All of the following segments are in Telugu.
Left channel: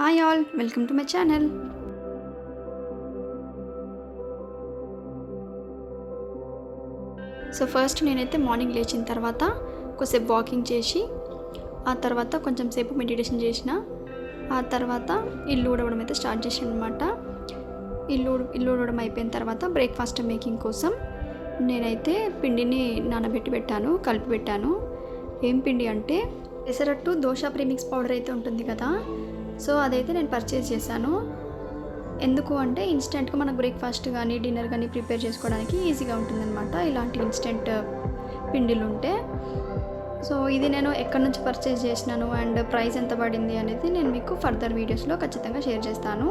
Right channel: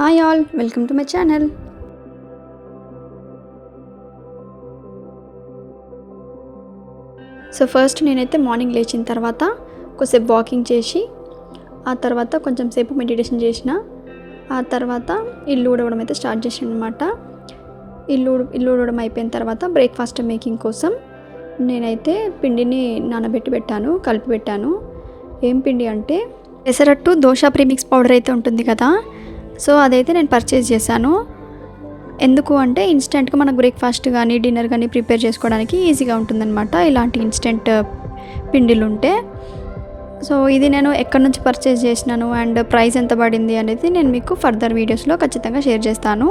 Hi all, welcome to my channel. So first నేనైతే మార్నింగ్ లేచిన తర్వాత కొద్దిసేపు వాకింగ్ చేసి ఆ తర్వాత కొంచెం సేపు మెడిటేషన్ చేసిన. ఆ తర్వాత ఇల్లు ఊడవడం అయితే స్టార్ట్ చేసాను అనమాట. ఇల్లు ఊడవడం అయిపోయిన తర్వాత బ్రేక్ఫాస్ట్ మేకింగ్ కోసం నేనైతే పిండిని కలిపి పెట్టాను. ఏం పిండి అంటే పెసరట్టు దోశ ప్రీమిక్స్ పౌడర్ అయితే ఉంటుంది కదా, సో అదైతే నేను పర్చేస్ చేశాను. ఎందుకు అంటే ఇన్స్టెంట్గా మనకు బ్రేక్ఫాస్ట్ కానీ డిన్నర్ కానీ ప్రిపేర్ చేసుకోవడానికి ఈజీగా ఉంటుందన్నమాట ఇలాంటి ఇన్స్టెంట్ పిండిలు ఉంటే. సో ఇది నేను ఎక్కడి నుంచి పర్చేస్ చేసినాను అండ్ ప్రైస్ ఎంత పడింది అనేది నేను మీకు ఫర్దర్ వీడియోస్లో ఖచ్చితంగా షేర్ చేస్తాను.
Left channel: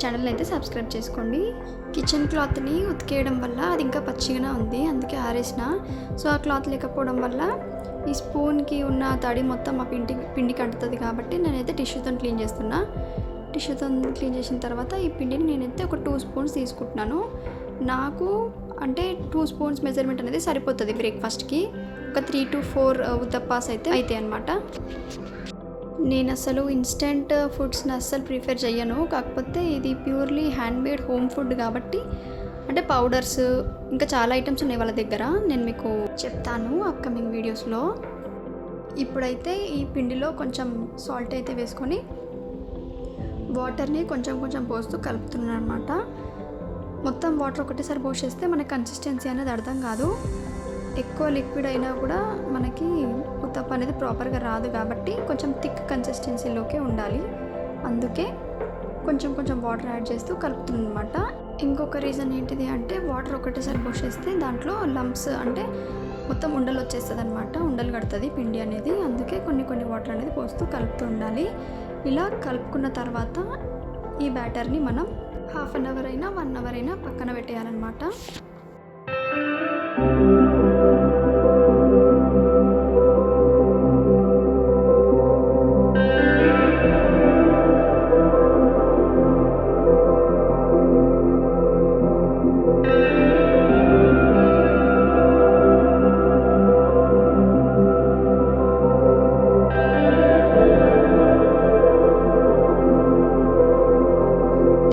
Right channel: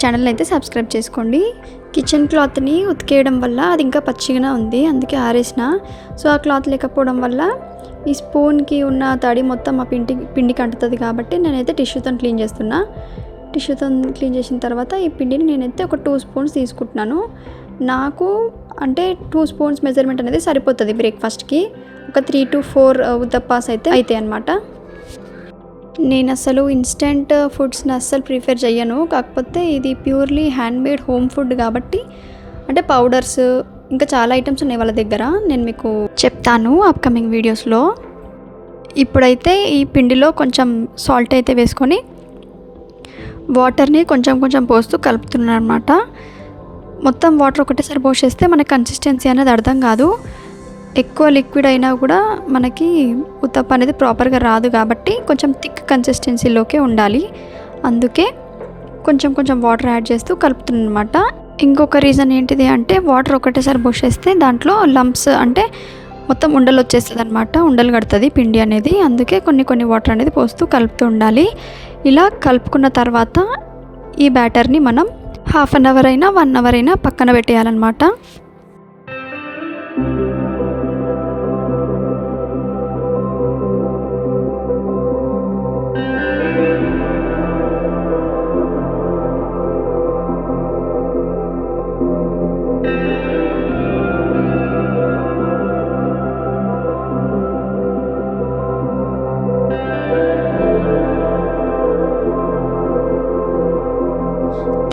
ఛానల్ అయితే సబ్స్క్రైబ్ చేసుకోండి. కిచెన్ క్లాత్ని ఉతికేయడం వల్ల అది ఇంకా పచ్చిగానే ఉంది, అందుకే ఆరేసిన. సో ఆ క్లాత్ లేకపోవడం వల్ల ఈ స్పూన్కి ఉన్న తడి మొత్తం ఆ పిండికి అంటుతుంది కాబట్టి నేనైతే టిష్యూతో క్లీన్ చేస్తున్నా. టిష్యూతో క్లీన్ చేసిన తర్వాత ఈ పిండిని నేనైతే ఒక 2 స్పూన్స్ తీసుకుంటున్నాను. నాకు అంటే 2 స్పూన్స్ మెజర్మెంట్ అనేది సరిపోతుంది బ్రేక్ఫాస్ట్కి. ఒక 3 to 4 ఉత్తప్పాస్ అయితే అనమాట. నేను అసలు ఇన్స్టెంట్ ఫుడ్స్ని అస్సలు ప్రిఫర్ చేయను. కాకపోతే ఇది ప్యూర్లీ హ్యాండ్మేడ్ హోమ్ ఫుడ్ కాబట్టి, అంటే పౌడర్స్ ఇంకా చాలా ఐటమ్స్ ఉన్నాయి వాళ్ళ దగ్గర, నేను మీకు చెప్తాను అప్కమింగ్ వీడియోస్లో. ఇప్పుడైతే ఈ పిండిలో కొంచెం సాల్ట్ అయితే వేసుకొని వాటర్ని కొంచెం పోస్తూ కలుపుతున్నాను అనమాట. మొత్తం వాటర్ ఒకటేసారి పోసేస్తే మనకి కన్సిస్టెన్సీ అనేది అర్థం కాదు. ఎక్కువ లిక్విడ్ అయినా కూడా మనకి ఉత్తప్ప అనేది ప్రాపర్గా రాదు కాబట్టి కొంచెం థిక్ కన్సిస్టెన్సీలోకే ఉండాలి. అందుకే కొంచెం వాటర్ యాడ్ చేస్తూ కలుపుతున్నాను అనమాట. ఇంకొక రీజన్ ఏంటిది అంటే వాటర్ ఒకటేసారి పోసేస్తే దాంట్లో లంప్స్ అంటే మొత్తం ఉండలు వచ్చేస్తుంది అనమాట, ఉండలు కడుతుంది పిండి అనేది. అందుకే కొన్ని వాటర్ అనేది పోస్తూ కలుపుతూ ఉండాలి. ఇలా కలుపుకున్న తర్వాత ఈ బ్యాటర్ని మనం హాఫ్ అన్ అవర్ అయినా 1 అవర్ అయినా పక్కన పెట్టేయాలన్నమాట.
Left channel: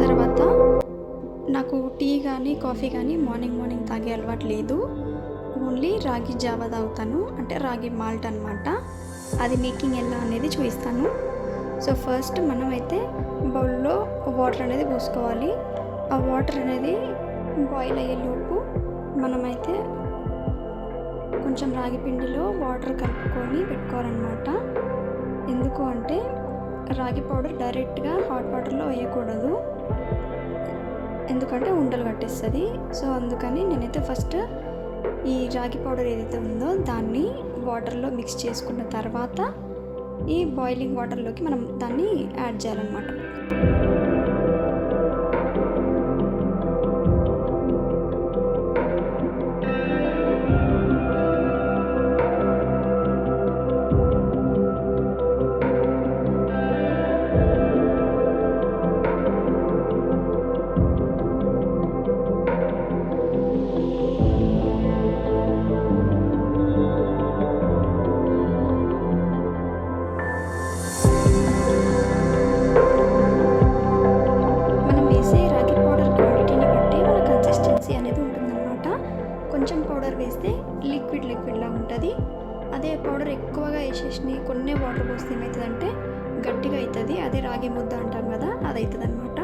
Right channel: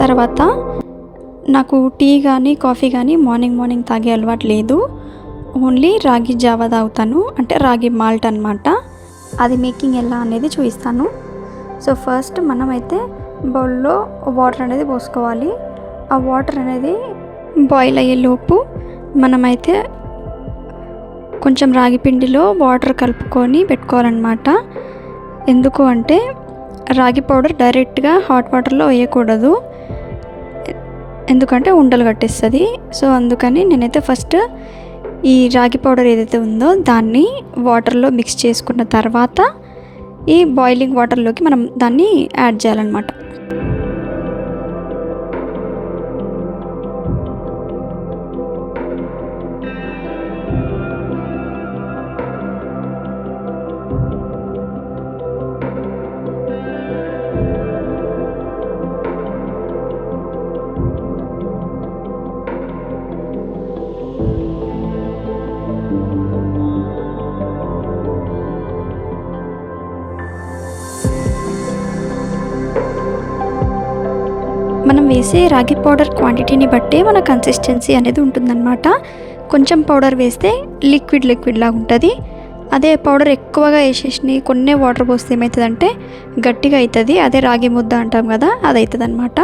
తర్వాత నాకు టీ కానీ కాఫీ కానీ మార్నింగ్ తాగే అలవాటు లేదు. ఓన్లీ రాగి జావా తాగుతాను, అంటే రాగి మాల్ట్ అనమాట. అది మేకింగ్ ఎలా అనేది చూపిస్తాను. సో ఫస్ట్ మనమైతే బౌల్లో వాటర్ అనేది పోసుకోవాలి. ఆ వాటర్ అనేది బాయిల్ అయ్యేలోపు మనమైతే కొంచెం రాగి పిండిలో వాటర్ కలుపుకొని పెట్టుకోవాలన్నమాట. ఎందుకు అంటే రాగి పౌడర్ డైరెక్ట్గా హాట్ వాటర్లో వేయకూడదు, ఎందుకంటే ఉండలు కట్టేస్తుంది. సో అందుకని నేనైతే ఫస్ట్ ఈ రాగి పౌడర్ ఏదైతే ఉందో దాన్ని వాటర్లో మిక్స్ చేసుకున్న తర్వాత ఈ బాయిలింగ్ వాటర్లోకి మనం దాన్ని యాడ్ చేయాలన్నమాట. మనం వేసే రాగి పౌడర్ క్వాంటిటీని బట్టే మన కన్సిస్టెన్సీ అనేది ఉంటుందన్నమాట. కొంచెం పౌడర్ వేస్తే లిక్విడ్ లాగా ఉంటుంది. అదే పౌడర్ ఎక్కువగా వేసేసి కొన్ని వాటర్ పోస్తే ఏమవుతుందంటే గట్టిగా అవుతుంది. అదే రాగి ముద్ద అంటాం కదా, అది అవుతుంది అనమాట.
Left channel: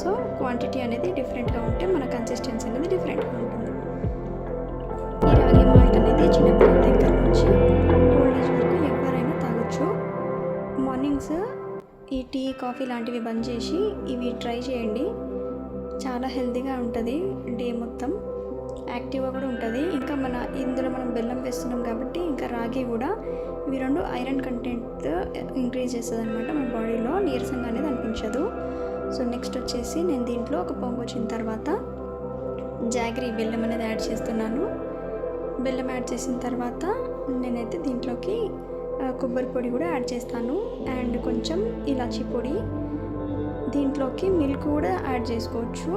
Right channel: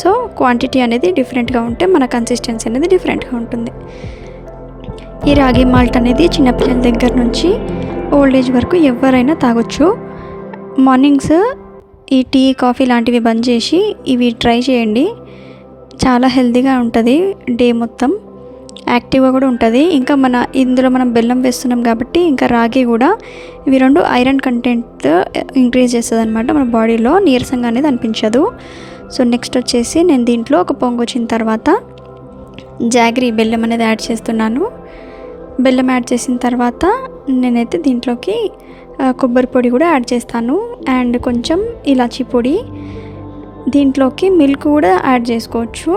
సో క్వాంటిటీ అనేది డిఫరెంట్గా ఉంటే మన కన్సిస్టెన్సీ అనేది డిఫరెంట్గా ఉంటుంది. ఈ రాగి మాల్ట్ అనేది చిన్నపిల్లల దగ్గర నుంచి ఓల్డ్ ఏజ్ వరకు ఎవరైనా తాగొచ్చు. మార్నింగ్స్ ఈ టీ కాఫీ లాంటివి బంద్ చేసి ఇవి ట్రై చేయండి. చాలా హెల్తీగా ఉంటుంది, డే మొత్తం యాక్టివ్గా కూడా ఉంటుంది. ఇంకా ఇందులో మనం బెల్లం వేస్తున్నాం కాబట్టి ఇంకా రాగి కూడా, ఇవి 2 ఐరన్ కంటెంట్ ఇంక్రీజ్ చేస్తుంది అనమాట మన బాడీలో. నీరసంగా అనేది అనిపించదు. సో నెక్స్ట్ వచ్చేసి నేను దీంట్లో ఒక పొంగు వచ్చిన తర్వాత జాగరీ బెల్లం అనేది యాడ్ చేస్తున్నాను. బెల్లం యాడ్ చేసిన తర్వాత నేనైతే దీంట్లోకి కొబ్బరి పొడి కూడా యాడ్ చేస్తాను అండ్ కొంచెం ఇలాచీ పొడి. దీంట్లోకి మిల్క్ కూడా యాడ్ చేసుకోవచ్చు,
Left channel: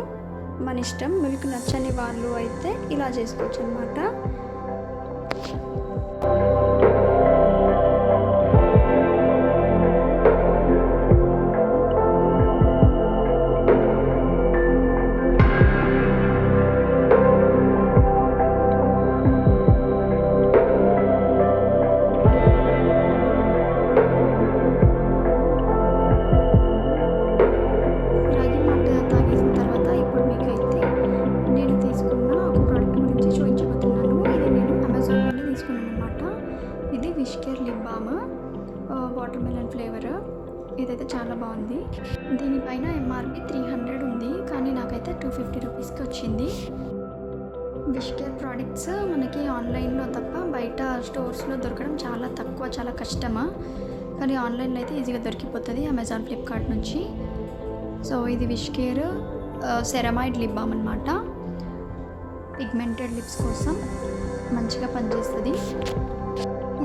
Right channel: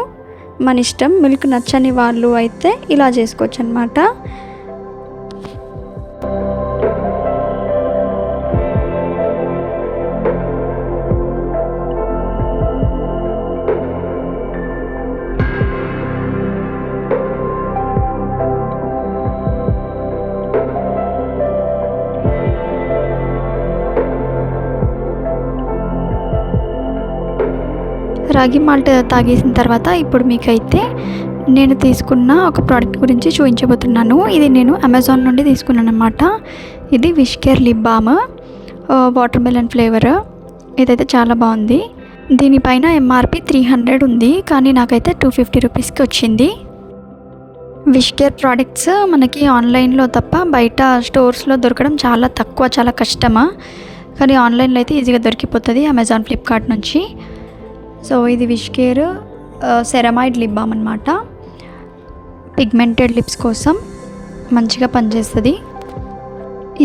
మన ఇష్టం. మిల్క్ నచ్చని వాళ్ళు అయితే ఇలా చేసుకోవచ్చు అన్నమాట. రాగి మాల్ట్ తాగేసిన తర్వాత ఇప్పుడు మీకైతే నేను తీసుకున్న ఒక ప్రోడక్ట్ గురించి చూపించబోతున్నాను. ఇది నేను అమెజాన్ నుండి తీసుకున్నాను అనమాట. ఇది విష్కేర్ lip balm watermelon flavour. ఇదైతే చాలా బాగుంది. దీనిపైన ఎంఆర్పి 300 ఉంది, కానీ నాకైతే 250 రూపీస్కి వచ్చింది. విష్కేర్ ప్రోడక్ట్స్ మనకి ఆన్లైన్లో తప్ప బయట స్టోర్స్లో దొరకడం చాలా తక్కువ, చాలా కష్టమా. కానీ ఆన్లైన్లో అయితే ఈజీగా దొరికిపోతుంది అమెజాన్, ఫ్లిప్కార్ట్ నుంచి. సో ఇది విష్కేర్ సెరమైడ్ లిప్ బామ్ అనమాట. పిగ్మెంటెడ్ లిప్స్ కోసం మంచిగా పనిచేస్తుంది.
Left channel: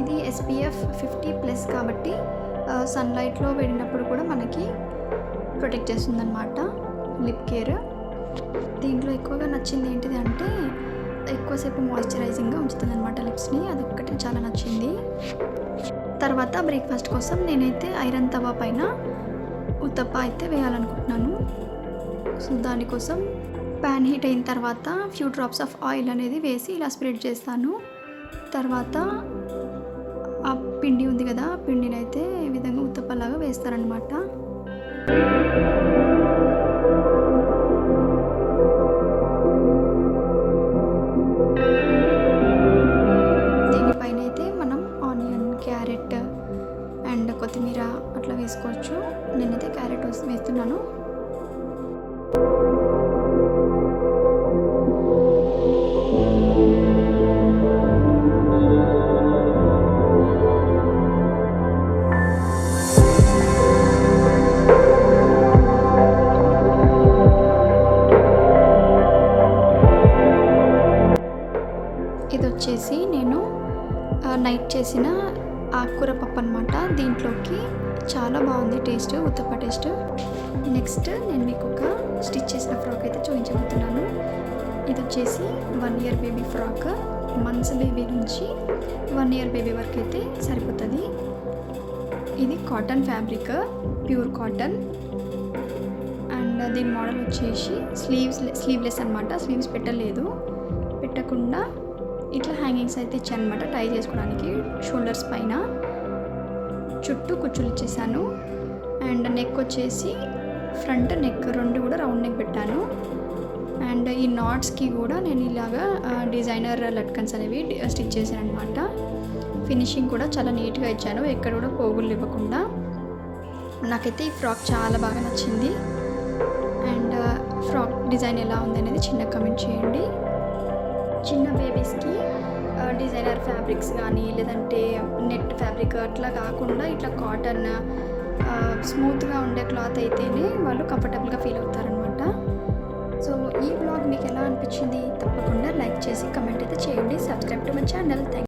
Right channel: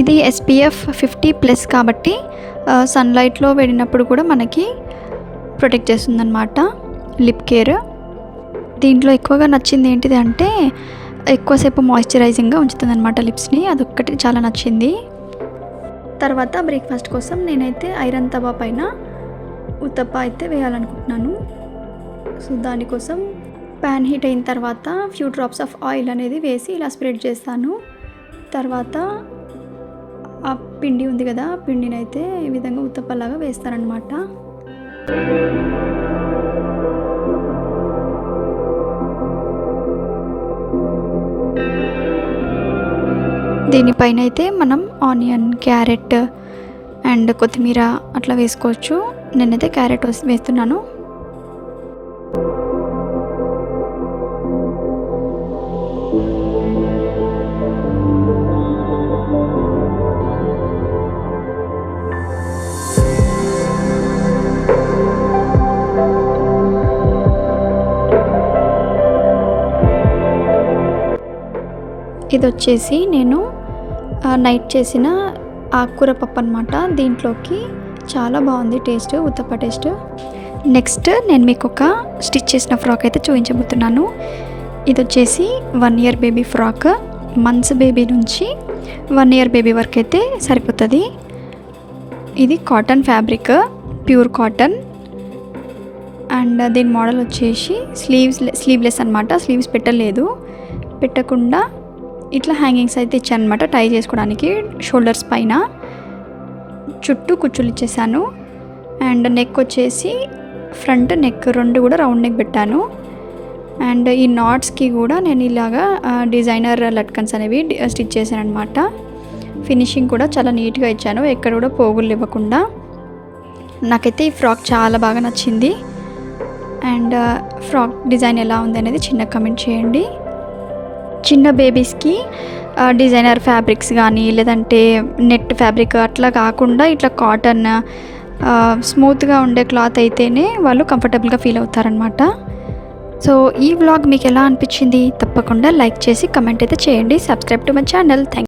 ఇది SPF 50+ కాబట్టి సన్లైట్లో వెళ్ళినప్పుడు కూడా మనకి ప్రొటెక్ట్ చేస్తుందన్నమాట లిప్ కేర్. దీంట్లో ఎక్కువగా నచ్చింది ఏంటిది అంటే ఎక్కువసేపు మాయిశ్చరైజింగ్గా ఉంచుతుంది అనమాట లిప్స్ని. అదొక్కటి చాలా నచ్చింది. తర్వాత బ్రేక్ఫాస్ట్ కోసం నేనైతే ఐరన్ తవా పైన ఉత్తప్ప అయితే వేయాలనుకుంటున్నాను. సో దానికోసం ప్యాన్ హీట్ అయిన తర్వాత ఫ్యూ డ్రాప్స్ ఆఫ్ ఆయిల్ అనేది వేసి ఇలా స్ప్రెడ్ చేస్తాను. తర్వాత ఆ పిండి ఉంది కదా, ఆ పిండిని అయితే ఈ విధంగా ఉత్తప్పలాగా వేస్తారనమాట. దీనిపైన అయితే మనం ఆనియన్, క్యారెట్ అండ్ కొత్తిమీర అట్లా వేసుకోవచ్చు. నేనైతే క్యారెట్ వేస్తున్నాను. ఇది వచ్చేసి నేను నైట్ చేసిన ఆకుకూర పప్పు అనమాట. దీంట్లోకి చాలా బాగుంది టేస్ట్, ఉత్తప్ప టేస్ట్. నెక్స్ట్ నేను మీకు ఒక స్టిచ్ చేసిన ఫ్రాక్ అయితే చూపించబోతున్నాను. ఇది వచ్చేసి 1 year baby frock. Months baby నుంచి 1 year బేబీ వరకు అయితే సరిపోతుంది. ఇది cotton fabric, pure cotton. And దీని మోడల్ వచ్చేసి స్లీవ్లెస్ అనమాట. స్లీవ్స్ పెట్టకుండా ఇట్లా హ్యాంగింగ్స్ అయితే ఇచ్చాను అనమాట టై చేసుకోవడానికి. షోల్డర్స్ పైన చుట్టూ కుచ్చులు ఇచ్చేసాను. అండ్ నెక్ వచ్చేసి ఫ్రంట్ నెక్ 2 కూడా రౌండ్ నెక్ పెట్టాను. అండ్ ఈ నాట్స్కి కూడా నేను ఇలాగా డిజైనర్ లట్కన్స్ అనేవి స్టిచ్ చేశాను అనమాట. ఫినిషింగ్ కూడా చాలా నీట్గా ఇచ్చాను, ఎక్కడ కూడా పోగులు ఇవ్వకుండా. నాకైతే ఈ ఫ్రాక్ చాలా బాగా నచ్చింది. అండ్ ఫ్రాక్ డిజైన్ ఎలా ఉంది అనేది చిన్న కమెంట్ చేయండి. చిన్న బేబీస్కి డిజైనర్ ఫ్యాబ్రిక్స్ కానీ లేదంటే నెట్ ఫ్యాబ్రిక్ అట్లా కాకుండా ఇట్లా కాటన్ స్మూత్గా ఉండే క్లాత్ అయితేనే వాళ్ళు కంఫర్టబుల్గా ఫీల్ అవుతారనమాట. సో ఈ వ్లాగ్ మీకు ఎలా అనిపించింది తప్పకుండా లైక్ చేసి కమెంట్ అయితే చేయండి. Subscribe to my channel. Thank